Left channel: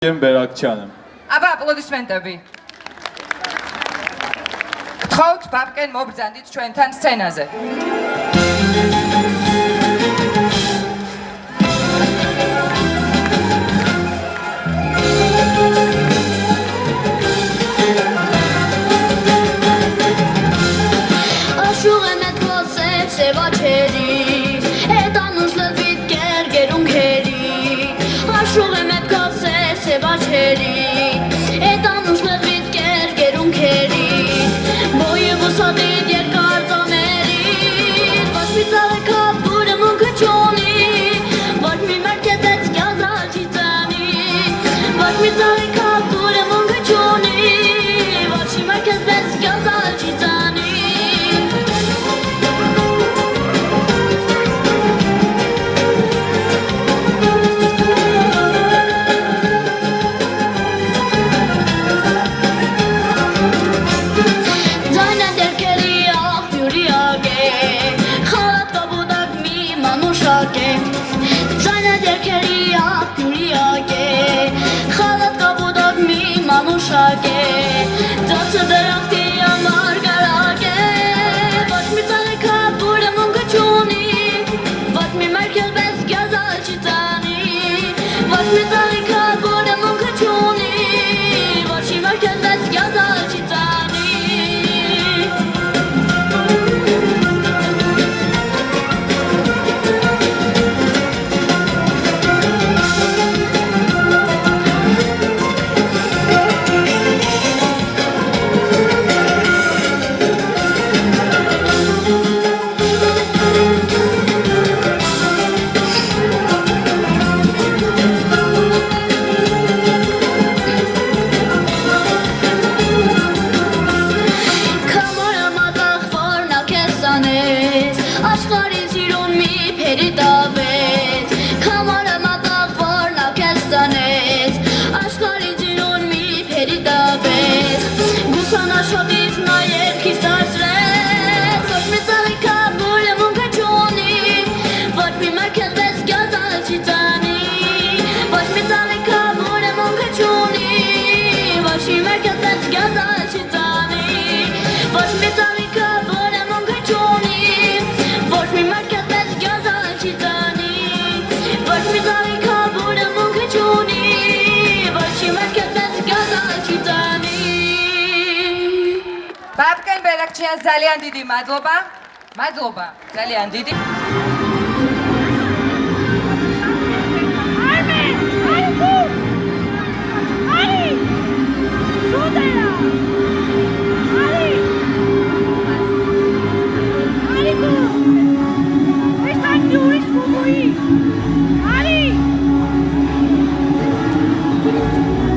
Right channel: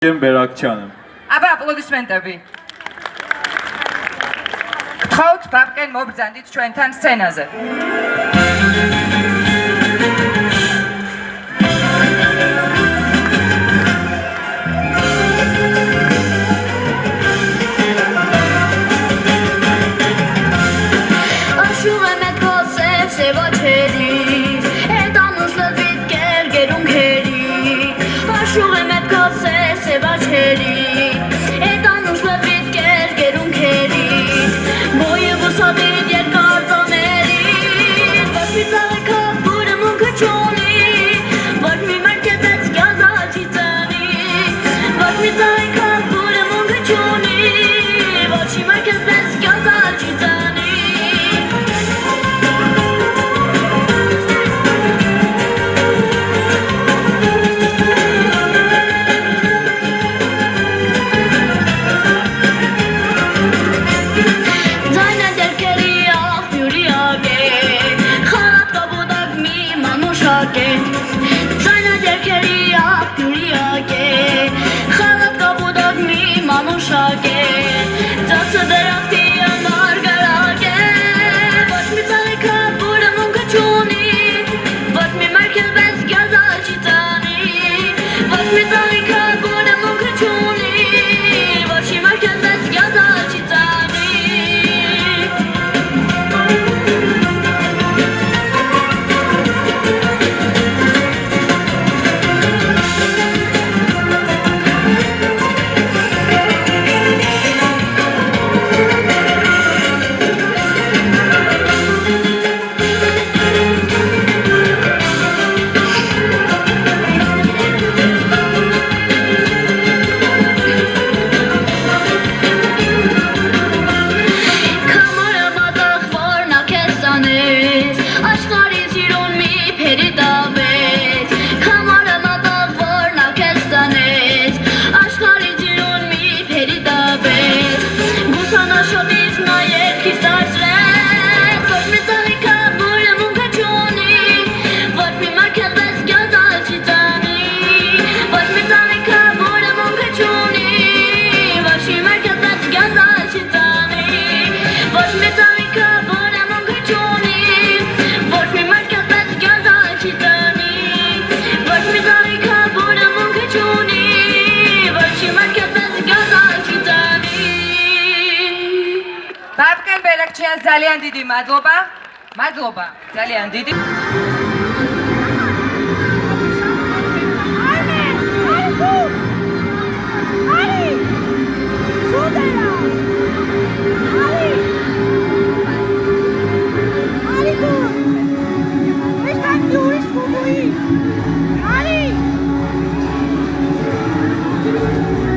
Բերակցյանը։ Ապա ապլոդիսմենտები։ Թոթ բաբկեն մոբրձանդից չուենթան սցենազը։ Աշուղ եմ էտ ոսև սևաչերից, էտ անուշ լվիտ կեր գերում կերիք, աշուղ եմ էտ ոսև սևաչերից, էտ անուշ լվիտ կեր գերում կերիք, բոյը վուսադիտ երկար ծաներիք, ոչ մի ծաղեքատ բուրը մունքը չոնի, ոչ մի մերկետեց գյազալ չի ծանի, ոչ մի ծաղեքատ բուրը մունքը չոնի, ոչ մի մերկետեց գյազալ չի ծանի, Ձայնը դերքերի աղբյուրիակ է, խալատ կապուտակ մի մանուշակ է, ծացը դերախտի ամար գարակ է, ոչ մի ծանիքա բուրը մունքը չունի, ոչ մի մերքել բես գյազալ չի ծանի, ոչ մի ծանիքա բուրը մունքը չունի, ոչ մի մերքել բես գյազալ չի ծանի Աշխարհի սիրուն մի փերի դավեց, քամարը մատաղ որ նա քեզ տանեց, աշխարհի սիրուն մի փերի դավեց, գուսանաշոտից նա երկից դարձրեց, ոչ մի ծաղիկա բուրը մունքը չունի, ոչ մի մարգելվեց գյազալ չի ծանի, ոչ մի ծաղիկա բուրը մունքը չունի, ոչ մի մարգելվեց գյազալ չի ծանի, ոչ մի ծաղիկա բուրը մունքը չունի, ոչ մի մարգելվեց գյազալ չի ծանի, ոչ մի ծաղիկա բուրը մունքը չունի, ոչ մի մարգելվեց գյազալ չի ծանի Բաբկեն Բերակցյան Զալյան դիդի մադլոբա, Զալյան դիդի